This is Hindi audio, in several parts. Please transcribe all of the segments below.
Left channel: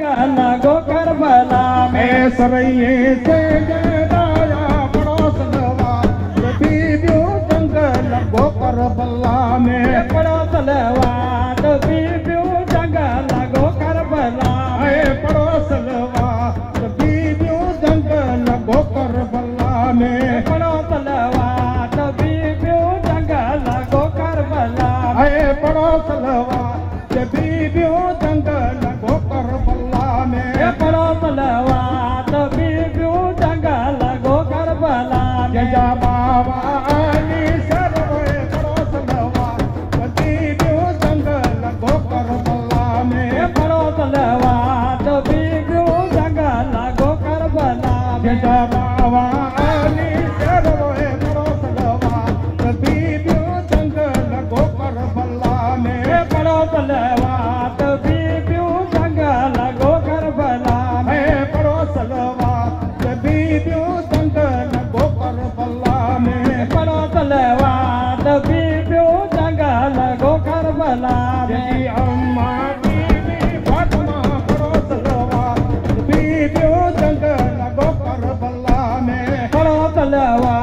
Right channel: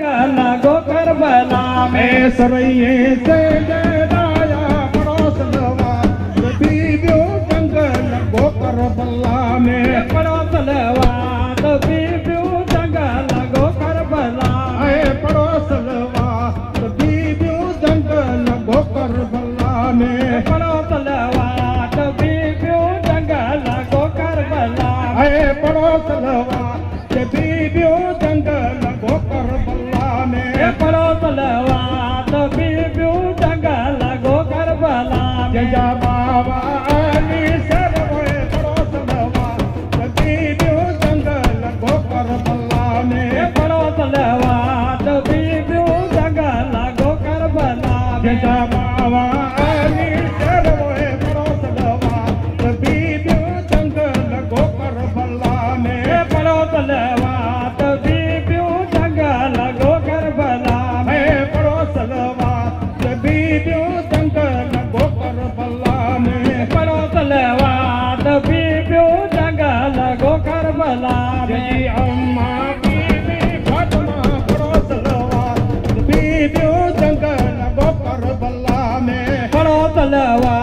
लगो करबला में सरैये से जलाया पड़ोस लवा बीबियो जंगल लगो करबला में पड़ोस लवा बीबियो जंगल लगो करबला में पड़ोस लवा बीबियो जंगल लगो करबला में पड़ोस लवा बीबियो जंगल लगो करबला पड़ोस लवा बीबियो जंगल लगो करबला में पड़ोस लवा बीबियो जंगल लगो करबला जया बाबा अली सरवे पड़ोस लवा बीबियो जंगल लगो करबला में पड़ोस लवा बीबियो जंगल लगो करबला जया बाबा अली सरवे पड़ोस लवा बीबियो जंगल लगो करबला में पड़ोस लवा बीबियो जंगल लगो करबला पड़ोस लवा बीबियो जंगल लगो करबला में पड़ोस लवा बीबियो जंगल लगो करबला जय अम्मा बीबी फातिमा पड़ोस लवा बीबियो जंगल लगो करबला में पड़ोस लवा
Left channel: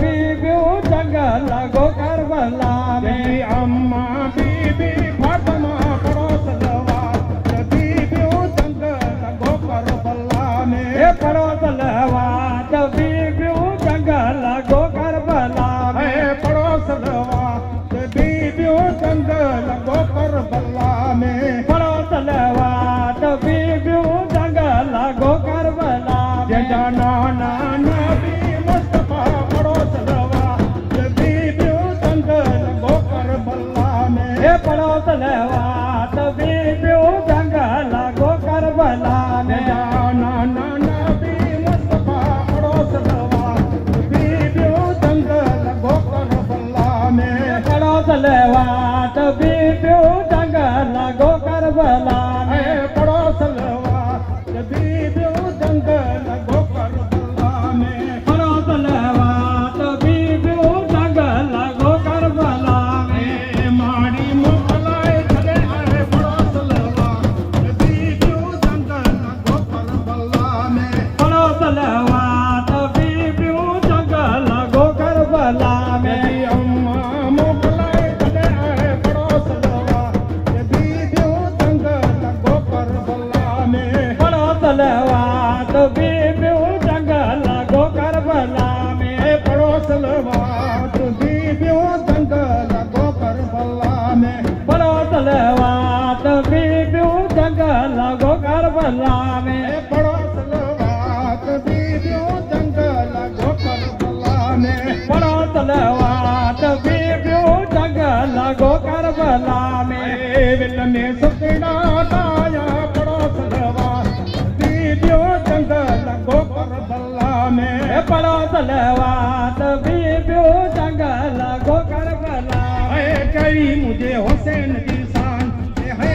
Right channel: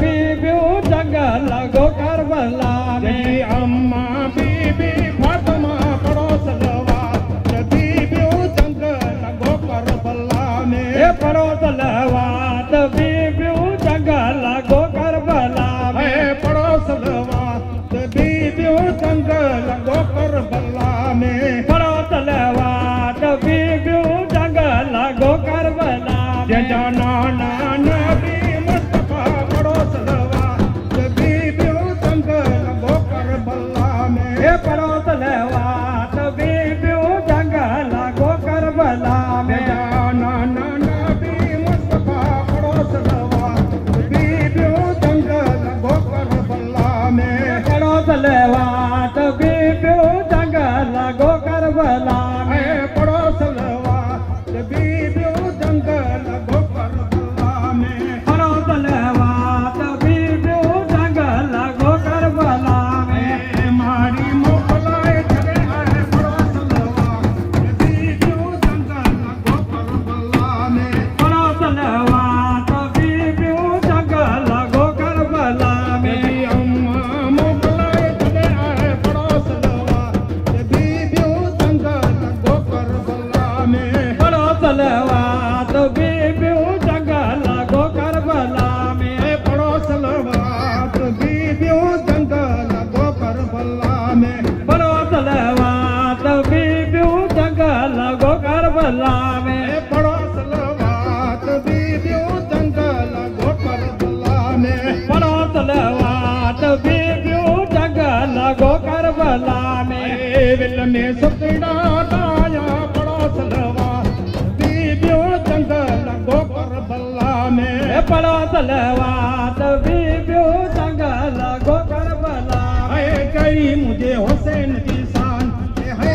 बीबियो जंगल लगो करबला जय अम्मा बीबी फातिमा पड़ोस लवा बीबियो जंगल लगो करबला में पड़ोस लवा बीबियो जंगल लगो करबला पड़ोस लवा बीबियो जंगल लगो करबला में पड़ोस लवा बीबियो जंगल लगो करबला जया नाना नबी मुस्तफा पड़ोस लवा बीबियो जंगल लगो करबला में पड़ोस लवा बीबियो जंगल लगो करबला जया नाना नबी मुस्तफा पड़ोस लवा बीबियो जंगल लगो करबला में पड़ोस लवा बीबियो जंगल लगो करबला पड़ोस लवा बीबियो जंगल लगो करबला में पड़ोस लवा बीबियो जंगल लगो करबला मारी मोकलाए चले आए पड़ोस लवा बीबियो जंगल लगो करबला में पड़ोस लवा बीबियो जंगल लगो करबला मेरी अम्मा मोकलाए चले आए पड़ोस लवा बीबियो जंगल लगो करबला में पड़ोस लवा बीबियो जंगल लगो करबला पड़ोस लवा बीबियो जंगल लगो करबला में पड़ोस लवा बीबियो जंगल लगो करबला पड़ोस लवा बीबियो जंगल लगो करबला में पड़ोस लवा बीबियो जंगल लगो करबला विल में सुखड़ा ताया पड़ोस लवा बीबियो जंगल लगो करबला में पड़ोस लवा बीबियो जंगल लगो करबला कई मुझे हुसैन की शान है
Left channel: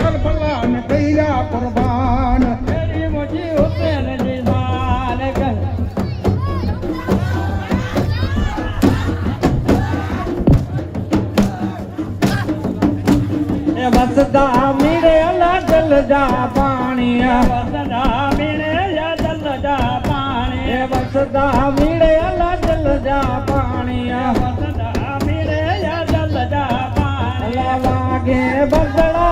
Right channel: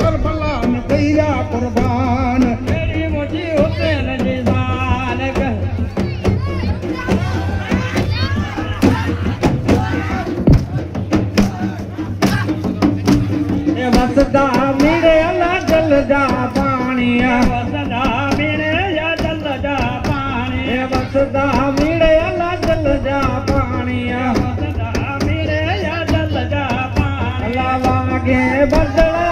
करबला में दैया कुर्बान मेरी मुझे हुसैन जी जान कर बसदा मेरे अल्लाह जल जा पानी बसदा मेरे या जल जा पानी बसदा मेरे अल्लाह जल जा पानी बसदा मेरे या जल जा पानी लागे बदला